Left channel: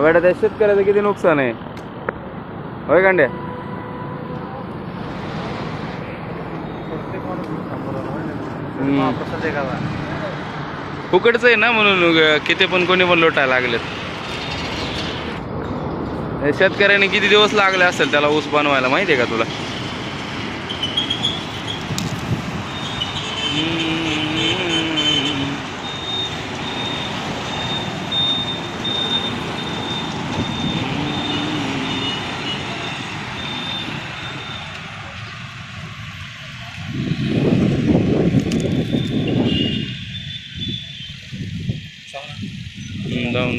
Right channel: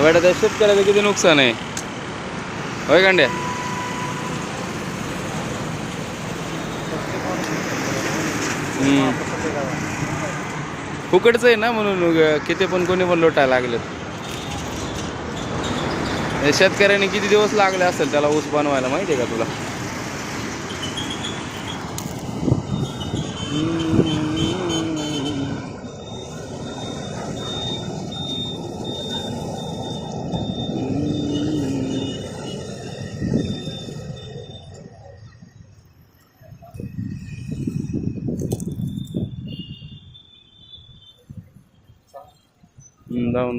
एवढ्या त्या शेतकऱ्याचं किती नुकसान आहे होय कांड्या. फुकटच आहे ना म्हणून किती पण कोणी पण लोटायला लागलेत. शेतकऱ्याने किती दिवस लागले असेल त्याला ऊस बनवायला माहिती आहे का तुला. जाऊन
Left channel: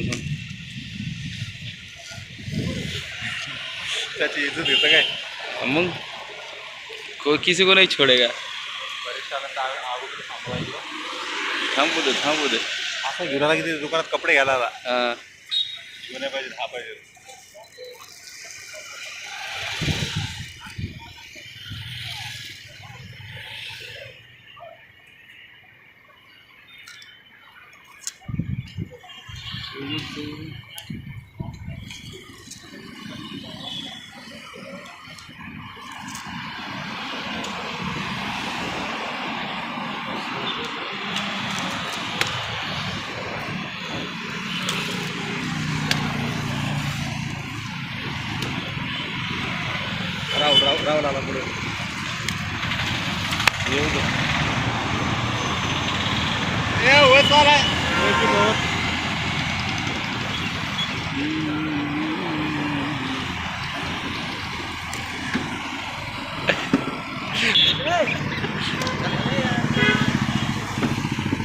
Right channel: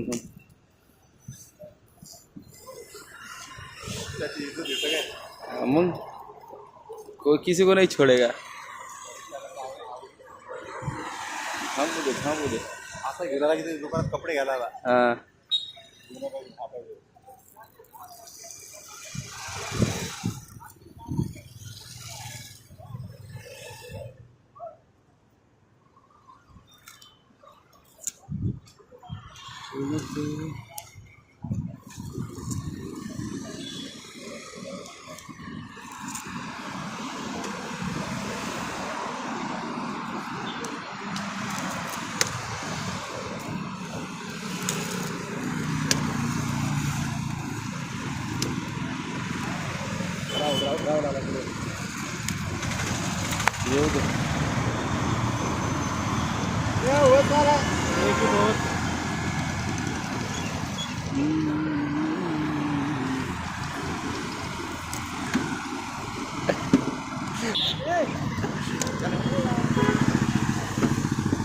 त्याची इज्जत घेतं काय मग किसी को नहीं छोड़ेगा. थांबू दे थांबू दे. असं गिराला किती दुकानात कपडे घ्यायला आला. हां जुने पाहिजे हा पाहिजे. राहुल आला पुढे येऊ दे.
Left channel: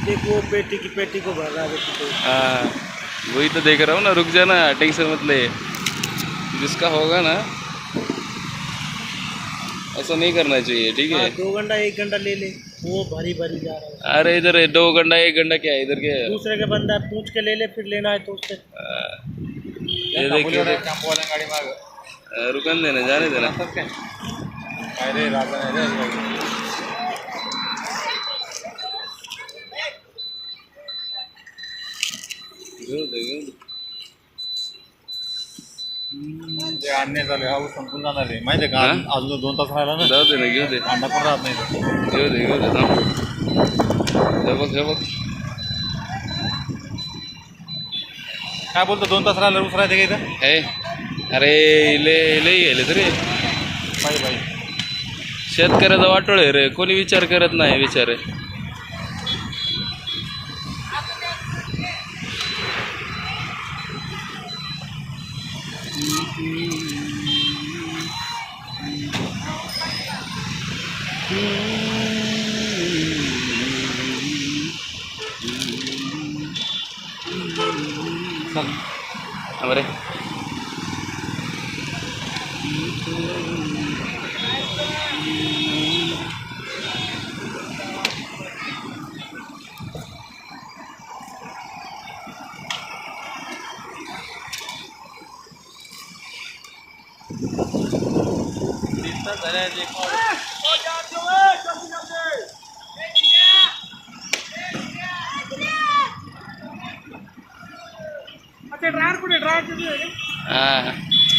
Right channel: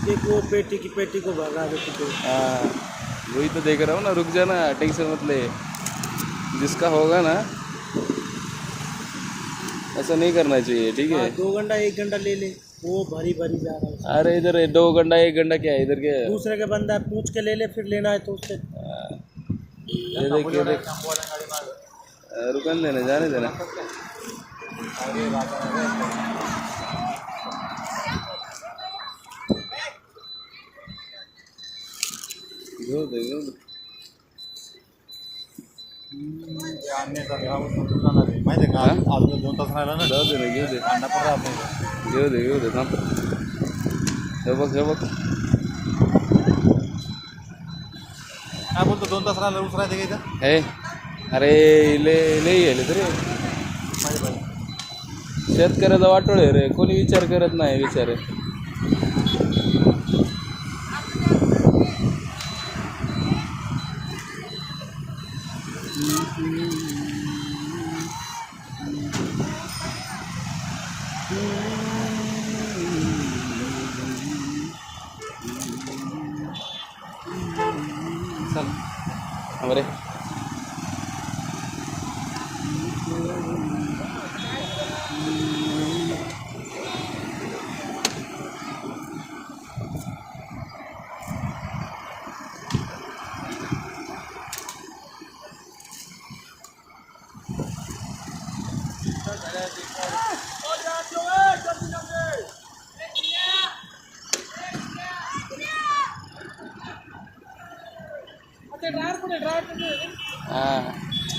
देखो पेटी को भर रहा है बेटी को. हाँ वही तो देख रहा हूँ ना. रुक जाना टेंशन मत ले. जिसका होगा ना ऐसा नहीं करना चाहिए ठीक है. 2 घंटा 1 घंटा ले ले वो भरी भरी जा रहा है. अरे इधर 2 घंटा 1 घंटा क्या है इधर के. दूसरे के बंदा पूछ के ले ले फिर लेना है तो उससे. ये देखिए गाडी माग रुकन देना जाने देना. अरे राजा घेऊ दे घेऊ दे. ते आणणे झाले हा संपून जाणार आहे माहिती आहे का. अजून 2 तास राहिला ना. जाऊ दे ना घेऊ दे. अंडा पण राहत नाही. घेऊ दे थांब. हे बघ काय बोलतो 2 तास राहिला ऊस राहते का इथं. हे अरे लई गेले तरी पाहिजे पाहिजे. शेतकऱ्याचा वाटोळ आहे रे. कोणी विचार करत नाही विचार आहे. बरे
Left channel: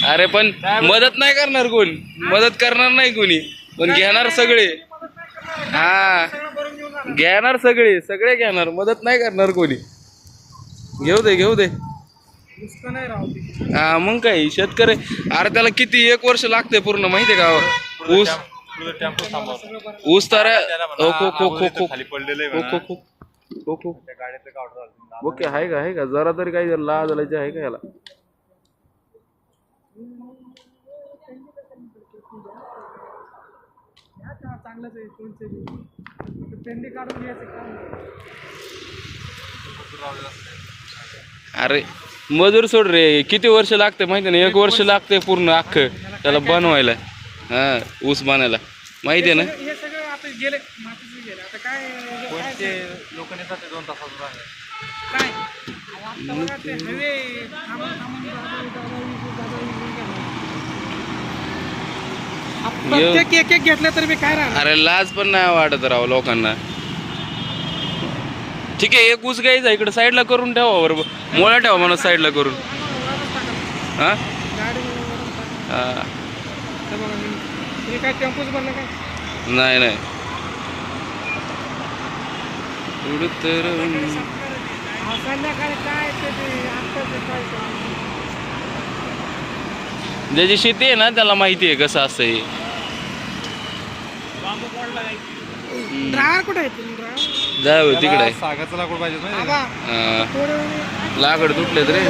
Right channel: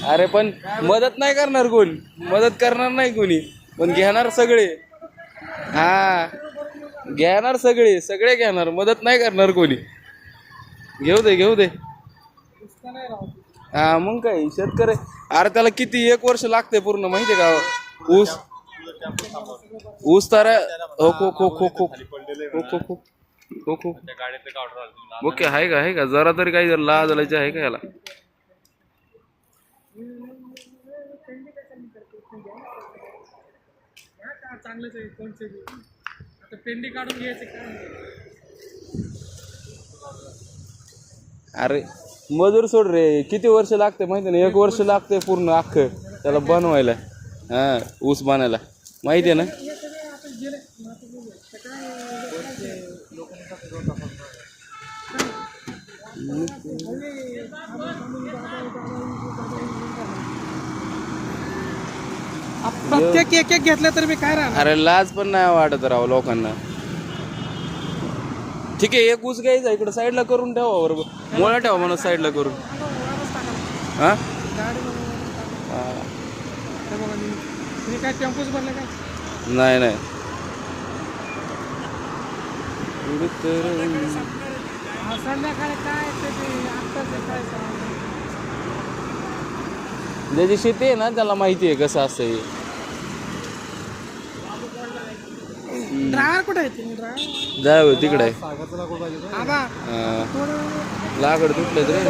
अरे पण मदत नाही करणार कोण. मदत करणार नाही कोणी पण घेणार सगळे. हा घेणार सगळे घेणार. मदत नाही करणार कोणी. घेऊ दे हा मग काय शेतकरी. अरे त्याला किती 1 वर्ष लागते पूर्ण माहिती आहे का. ऊस तर ओके आहे का जरा तरी काही लाज लायचं आहे का याला. चांगलंच आहे कोणते आता पेंडी काढून घ्यायचं काय. अरे मजूर सोड रे. किती वर्ष लागते माहिती ना. 1 वर्ष लागते पूर्ण अख्खं त्याला बनवायला. हा ऊस बनायला माहिती आहे ना. हे सगळं आता गेले मातीचे गेले आता काय कोणते लोक नेतात 2 तासात काय हवे थांबून एक घेतलं तरी मी काय राहणार. अरे लाज पण नाही वाटत राव लोकांना. ठीक आहे 1 ऊस घ्यायचा इकडे साईडला करून ठेवा बरोबर. मोळा ठेवा म्हणून साईडला करून. हा गाडी हा. ते बघा तुम्ही काय टेम्पोच बनलं काय नाही नाही एवढं तर संध्याकाळी काय ते काय ज्याची शेती आहे ना त्याला माहिती आहे कसं असतं हे. ड्रायव्हर कुठे आहे तुम्ही ड्रायव्हर जाऊ तिकडे आहे. सागाचं लाकूड पाहिजे माहिती आहे का? हा. थोडे वेळ लाकड तुटलेत रे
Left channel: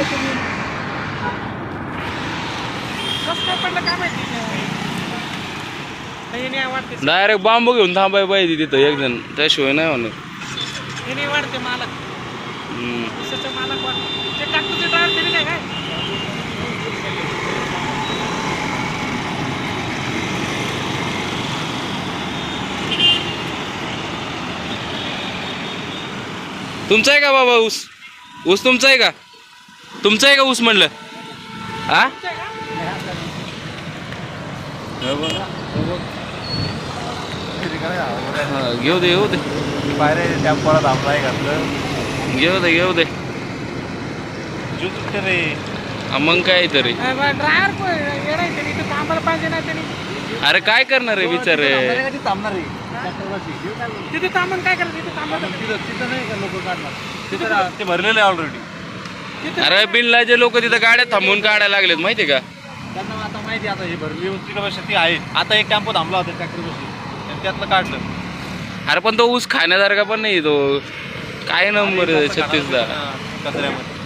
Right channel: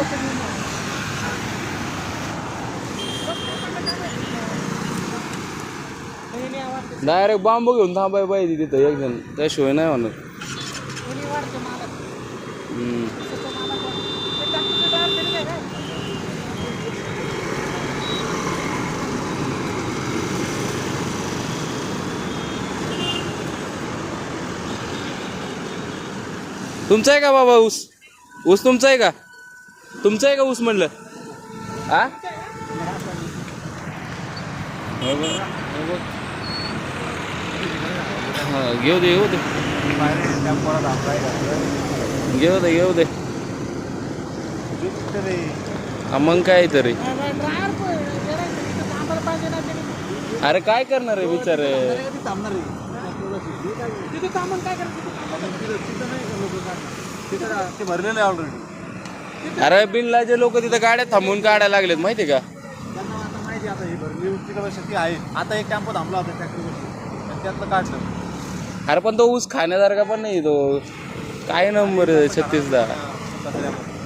कसं काय पडलं काय माहिती नाही नाही वाटते डायरेक्ट बांबू घेऊन थांबाय पाहिजे तिथं एक जण त्याशिवाय नाही म्हणत. हे नाही वाटते मालक हम्म. दुसऱ्याचं मालक वाटते ते ट्रॅक्टरचे ड्रायव्हर तरी काय काय तुमचा आहे का बाबा ऊस ऊस तुमचा आहे का तुमचा आहे का ऊस म्हणलं हा हा, घेऊ दे घेऊ दे बाहेर टेम्पोला थांबला आहे घातलं घेऊ दे रे हा, मग काय तरी ड्रायव्हर पण येणार तरी इथं थांबायला पाहिजे ना तरी अरे काय करणार आहे बिचार थांबणार रे तिथे थांबून काय करायचं तिथे थांबायचं तिथं नाही का लोक काढणार तिथं ते भरलेलं आहे ऑलरेडी अरे बिनलाचे लोक तिथं गाड्या थांबून काढायला लागलेत माहिती का त्यांना आता माहिती आहे, आता ही भरली तिकडे शेती आहे आता एक टेम्पो थांबला होता ट्रॅक्टर बशी त्यातलं काढलं अरे पण तो ऊस खाण्यासारखा पण नाही तो काय नंबर 36दा कचऱ्यामध्ये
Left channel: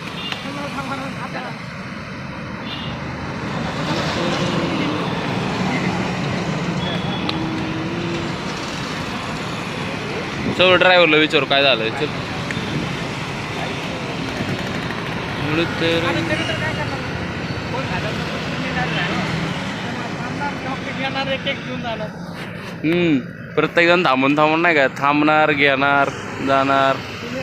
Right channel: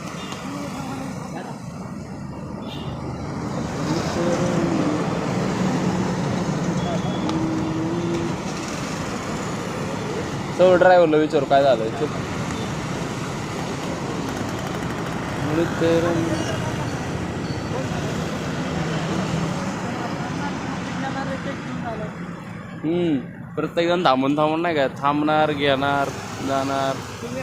चल ड्रायव्हरला विचारू काय झालंय चल एवढं तर येणार एक एक घेऊन झालं प्रत्येक जण थांबून नाही का थांबणार घेणार जाणार तुम्ही